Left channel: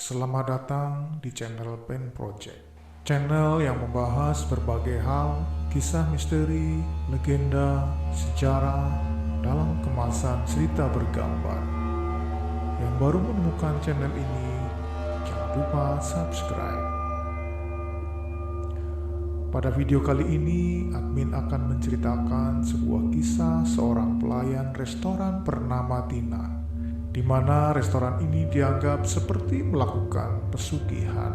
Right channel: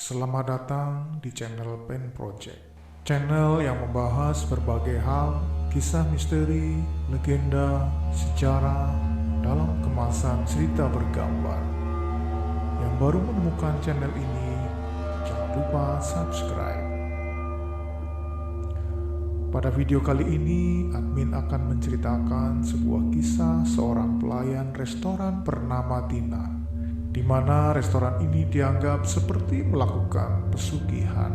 Selamat datang di channel Pen Project, channel yang membahas berbagai hal, kisah misteri, legenda, sejarah dalam kemasan cerita bergambar. Yang baru menemukan channel ini, jangan lupa subscribe. Pada video kali ini, admin akan menceritakan sebuah kisah seorang pelayan restoran bernama Tina, di mana restoran ini dianggap seperti melakukan pesugihan.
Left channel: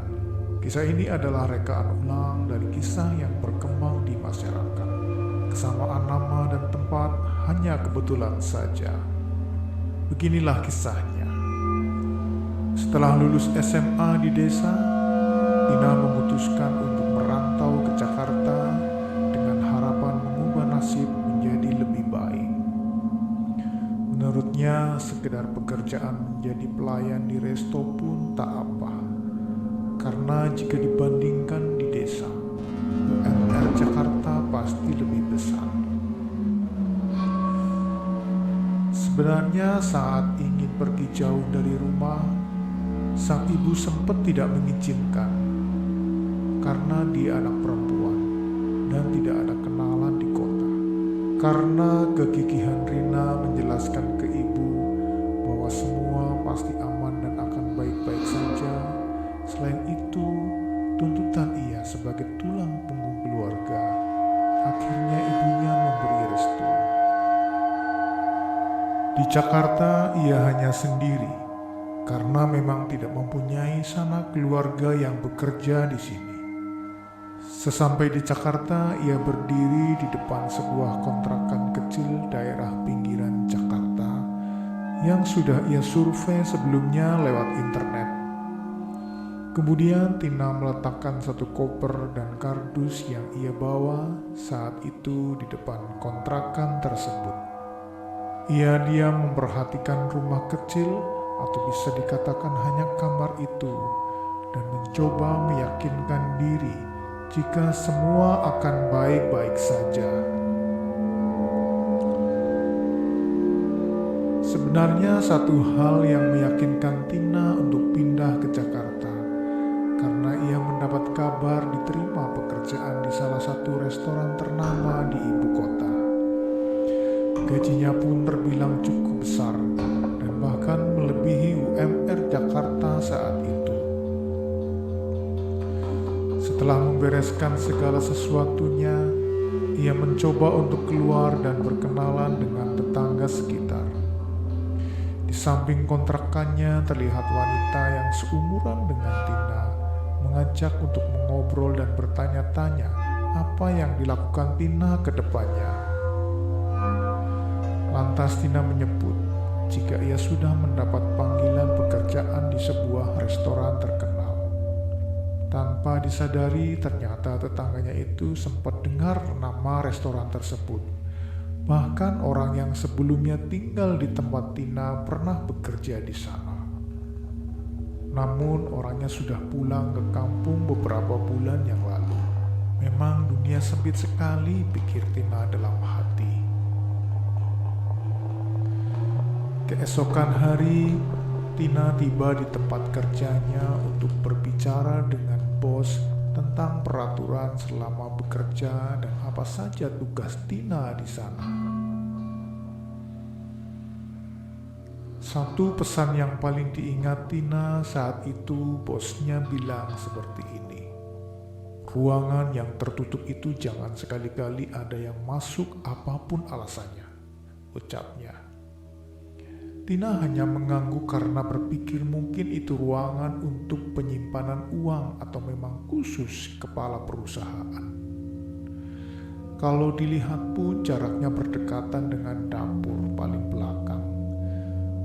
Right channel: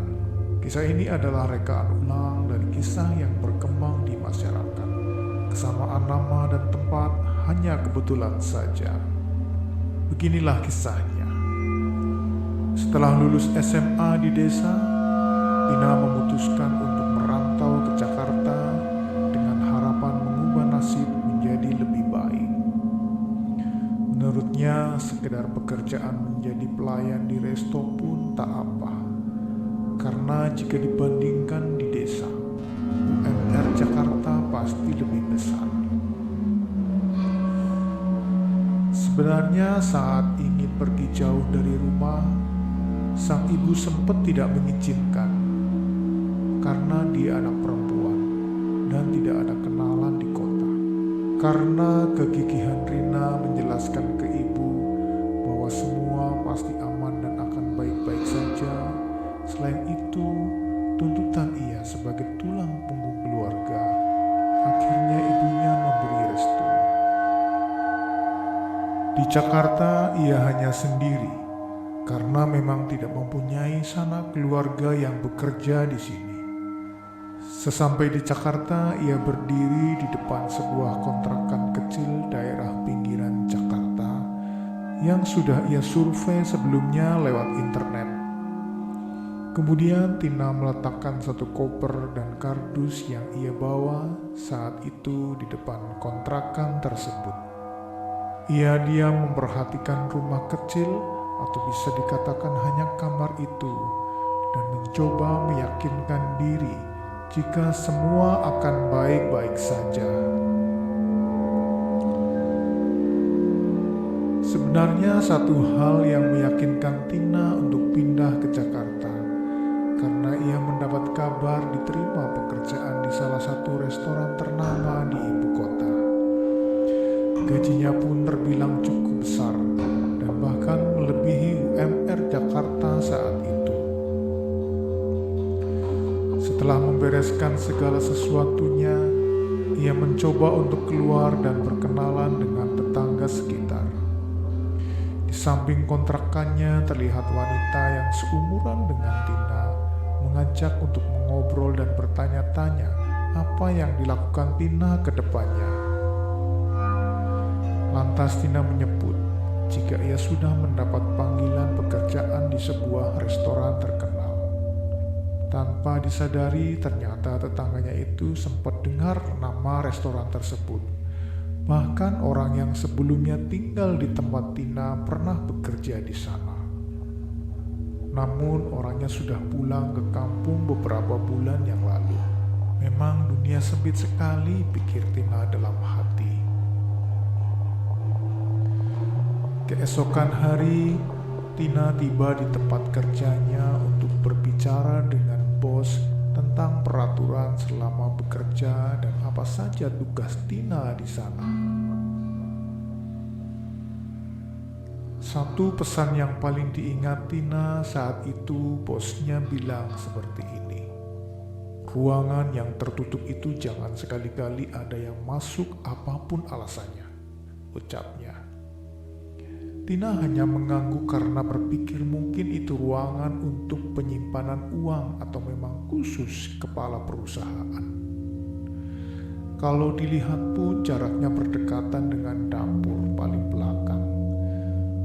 Kisah ini adalah rekaan ulang dari kisah yang berkembang di masyarakat. Kesamaan nama dan tempat hanya kebetulan saja. Beginilah kisahnya. Setelah lulus SMA di desa, Tina memutuskan untuk merantau ke Jakarta dengan harapan mengubah nasib menjadi lebih baik. Menurutnya, sekedar pekerjaan menjadi pelayan di resto pun tak apa. Karena jika dibandingkan di desa, UMR Jakarta pasti lebih besar. Sebenarnya saat ingin pergi jauh dari rumah, sang ibu sempat tidak mengizinkan karena dia anak perempuan dan tidak ada kenalan di kota. Karena kegigihan Rina menjelaskan ke ibu bahwa semua pasti aman dan akan baik-baik saja. Selain itu, tuntutan ia sebagai tulang punggung keluarga. Akhirnya ibunya memberi restu. Di Jakarta ia hanya sendiri karena memang tidak mempunyai sanak keluarga yang bekerja di sini. Sesampai di Jakarta, ia berdiri di depan sebuah kontrakan kecil daerah pinggiran Jakarta yang sudah ia survei sebelumnya lewat internet. Kemudian Tina meletakkan satu koper dan kardus yang ia bawa saat itu di depan kontrakan tersebut. Ia diam memperhatikan rumah kecil atau bisa dikatakan hanya kamar itu dan mencoba meyakinkan diri jika semua akan baik-baik saja. Sebenarnya satu hal yang meyakinkan Tina untuk pindah ke Jakarta, karena ia mendapat kabar diterima pekerjaan di salah satu restoran ternama di ibu kota. Gajinya pun terbilang cukup besar dan bahkan melebihi UMR Jakarta saat itu. Setelah membereskan segala sesuatunya, ia mencoba untuk keluar dan berkenalan dengan tetangga sekitar. Di samping kontrakannya terlihat wanita yang seumuran dengan Tina mengajak untuk mengobrol dan bertanya-tanya apa yang dilakukan Tina ke depannya. Lantas Tina menyebut jika ia sudah mendapat panggilan pekerjaan di sebuah restoran terkenal. Tanpa disadari, ternyata tetangganya itu sempat dengar nama restoran tersebut. Bahkan orang yang sebelumnya tinggal di tempat Tina pernah bekerja di sana. Namun orangnya sudah pulang ke kampung beberapa bulan yang lalu. Memang dunia sempit sekali, pikir Tina dalam hati. Keesokan hari, Tina tiba di tempat kerjanya untuk berbicara dengan bos tentang peraturan selama bekerja dan apa saja tugas Tina di sana. Satu pesan yang paling diingat Tina saat itu, bosnya bilang seperti ini. Ruangan yang tertutup itu jangan sekali-kali ada yang masuk apapun alasannya, ucapnya. Tina hanya mengangguk karena berpikir mungkin itu ruangan untuk penyimpanan uang atau memang khusus kepala perusahaan. Kalau dilihat pun jaraknya berdekatan dengan dapur paling belakang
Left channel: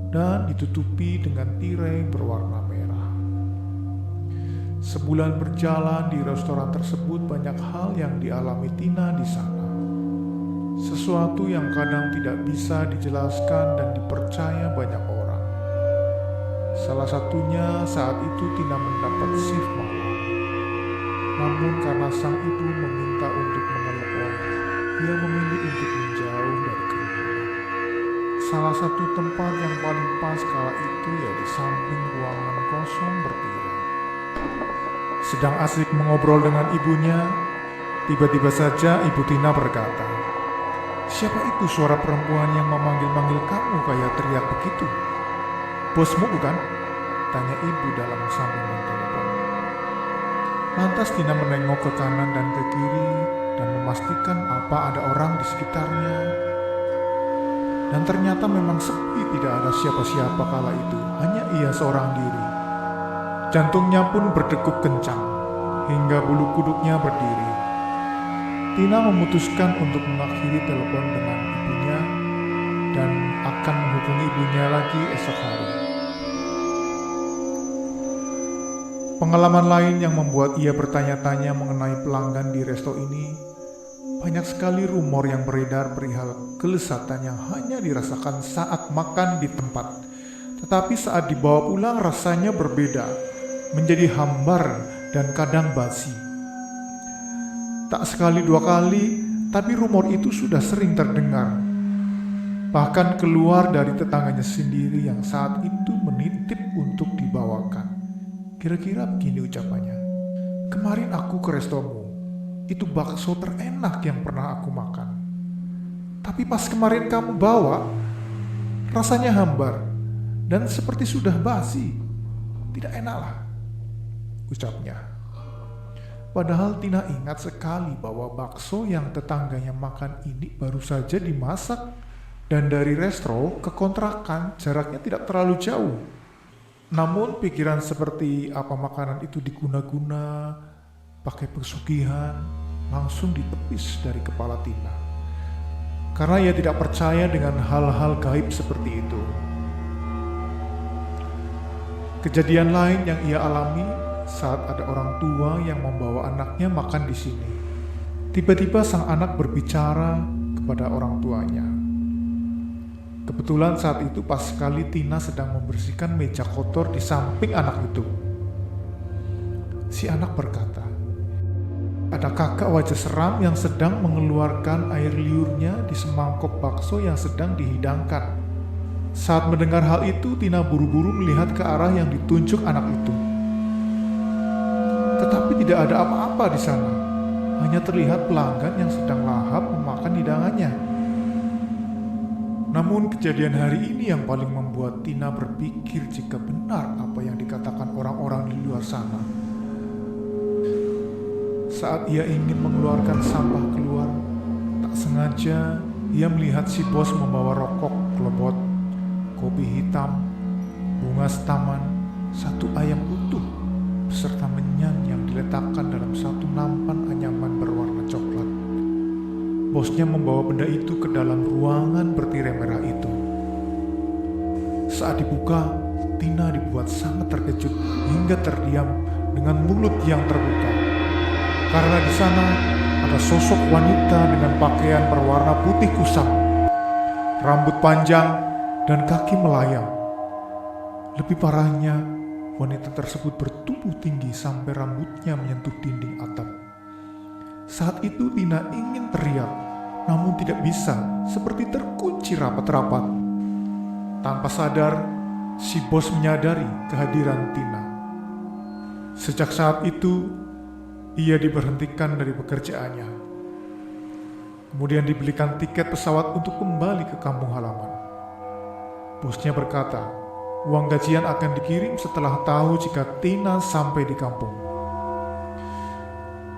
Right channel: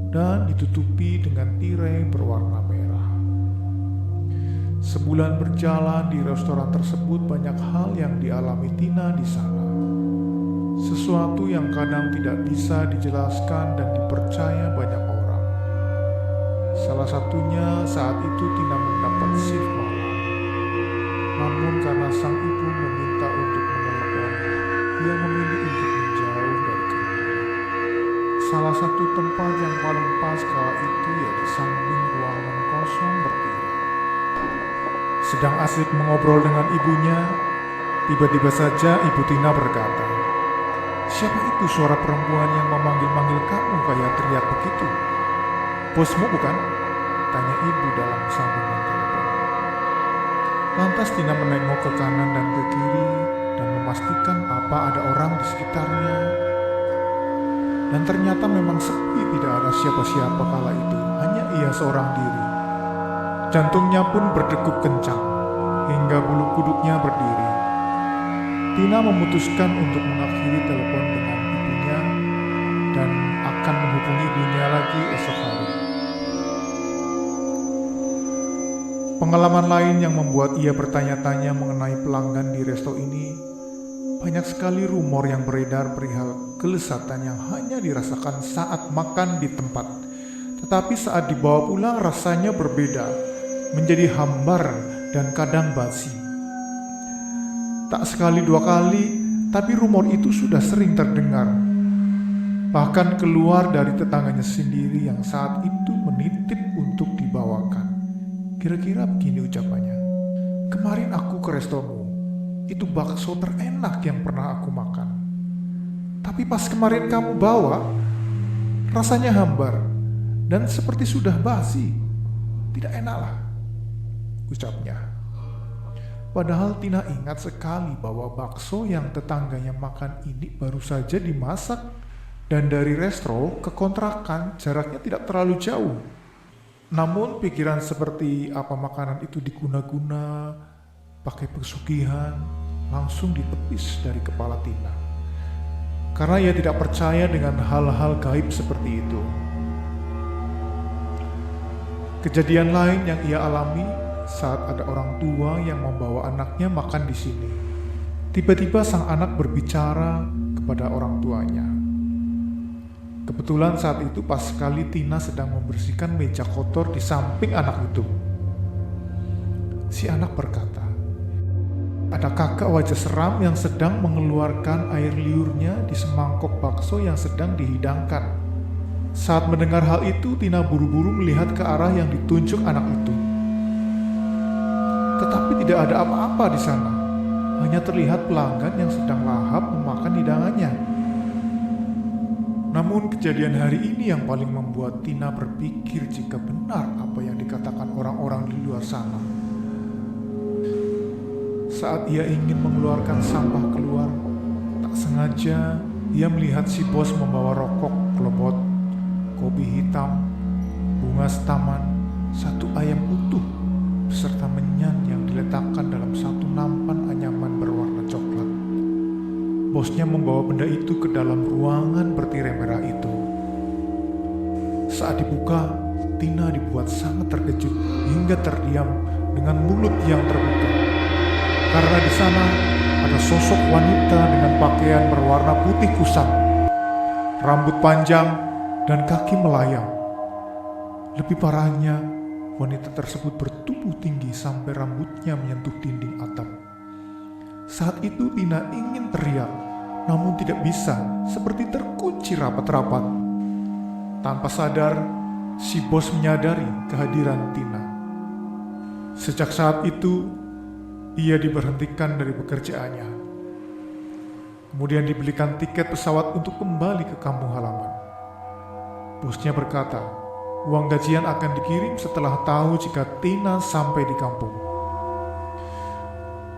dan ditutupi dengan tirai berwarna merah. Sebulan berjalan di restoran tersebut, banyak hal yang dialami Tina di sana. Sesuatu yang kadang tidak bisa dijelaskan dan dipercaya banyak orang. Salah satunya saat itu Tina mendapat shift malam. Namun karena sang ibu meminta untuk menelepon, ia memilih untuk menjauh dari kerumunan. Salah satu tempat yang paling pas kala itu ya di samping ruangan kosong bertirai. Sedang asik mengobrol dengan ibunya, tiba-tiba saja Ibu Tina berkata, "Siapa itu suara perempuan yang memanggil-manggil kamu kayak teriak begitu?" "Bosmu bukan?" tanya ibu dalam sambungan telepon. Lantas Tina menengok ke kanan dan ke kiri dan memastikan apa ada orang di sekitarnya. Dan ternyata memang sepi, tidak ada siapa-siapa kala itu, hanya ia seorang diri. Jantungnya pun berdegup kencang, hingga bulu kuduknya berdiri. Tina memutuskan untuk mengakhiri telepon dengan ibunya dan akan menghubungi ibunya lagi esok hari. Pengalaman lain yang membuat ia bertanya-tanya mengenai pelanggan di resto ini, banyak sekali rumor yang beredar perihal kelezatan yang hanya dirasakan saat makan di tempat, tetapi saat dibawa pulang rasanya berbeda, menjadi hambar dan kadang basi. Tak sekali dua kali, tapi rumor itu sudah sering terdengar. Bahkan keluar dari tetangganya sendiri yang saat itu menitip untuk dibawakan. Kira-kira begini ucapannya, "Kemarin aku ke restomu. Itu bakso terenak yang pernah aku makan. Tapi pas kemarin kamu bawa, rasanya hambar dan seperti sudah basi. Tidak enak lah," ucapnya. Padahal Tina ingat sekali bahwa bakso yang tetangganya makan ini baru saja dimasak dan dari resto ke kontrakan jaraknya tidak terlalu jauh. Namun pikiran seperti apa makanan itu diguna-guna, pakai pesugihan, langsung ditepis dari kepala Tina. Karena ia tidak percaya dengan hal-hal gaib seperti itu. Kejadian lain yang ia alami saat ada orang tua yang membawa anaknya makan di sini. Tiba-tiba sang anak berbicara kepada orang tuanya. Kebetulan saat itu pas sekali Tina sedang membersihkan meja kotor di samping anak itu. Si anak berkata, "Ada kakak wajah seram yang sedang mengeluarkan air liurnya di semangkok bakso yang sedang dihidangkan." Saat mendengar hal itu, Tina buru-buru melihat ke arah yang ditunjuk anak itu. Tetapi tidak ada apa-apa di sana. Hanya terlihat pelanggan yang sedang lahap memakan hidangannya. Namun kejadian hari ini yang paling membuat Tina berpikir jika benar apa yang dikatakan orang-orang di luar sana. Saat ia ingin mengeluarkan sampah keluar, tak sengaja ia melihat si bos membawa rokok klobot, kopi hitam, bunga setaman, satu ayam utuh, beserta menyan yang diletakkan dalam satu nampan anyaman berwarna coklat. Bosnya membawa benda itu ke dalam ruangan bertirai merah itu. Saat dibuka, Tina dibuat sangat terkejut hingga terdiam dengan mulut yang terbuka. Karena di sana ada sosok wanita dengan pakaian berwarna putih kusam, rambut panjang dan kaki melayang. Lebih parahnya, wanita tersebut bertubuh tinggi sampai rambutnya menyentuh dinding atap. Saat itu Tina ingin teriak, namun tidak bisa, seperti terkunci rapat-rapat. Tanpa sadar, si bos menyadari kehadiran Tina. Sejak saat itu, ia diberhentikan dari pekerjaannya. Kemudian dibelikan tiket pesawat untuk kembali ke kampung halaman. Bosnya berkata, uang gajian akan dikirim setelah tahu jika Tina sampai di kampung.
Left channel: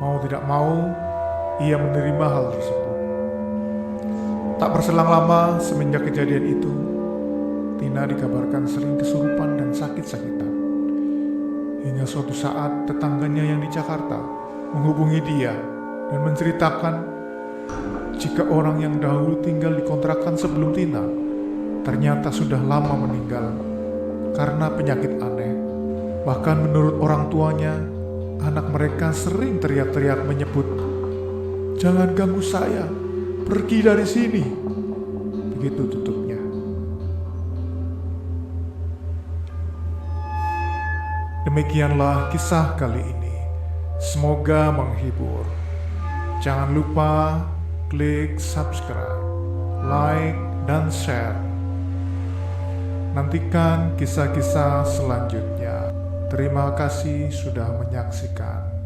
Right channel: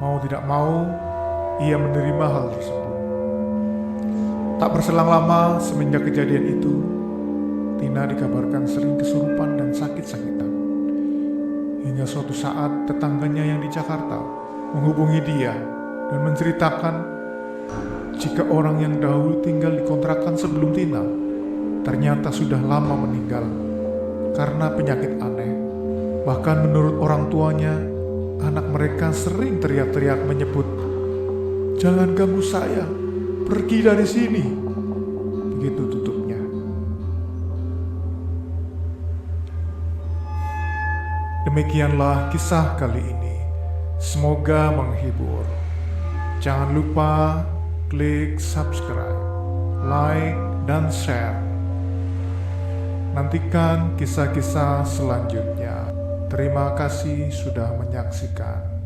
Mau tidak mau, ia menerima hal tersebut. Tak berselang lama semenjak kejadian itu, Tina dikabarkan sering kesurupan dan sakit-sakitan. Hingga suatu saat tetangganya yang di Jakarta menghubungi dia dan menceritakan jika orang yang dahulu tinggal di kontrakan sebelum Tina ternyata sudah lama meninggal karena penyakit aneh. Bahkan menurut orang tuanya, anak mereka sering teriak-teriak menyebut, "Jangan ganggu saya, pergi dari sini." Begitu tutupnya. Demikianlah kisah kali ini. Semoga menghibur. Jangan lupa klik subscribe, like, dan share. Nantikan kisah-kisah selanjutnya. Terima kasih sudah menyaksikan.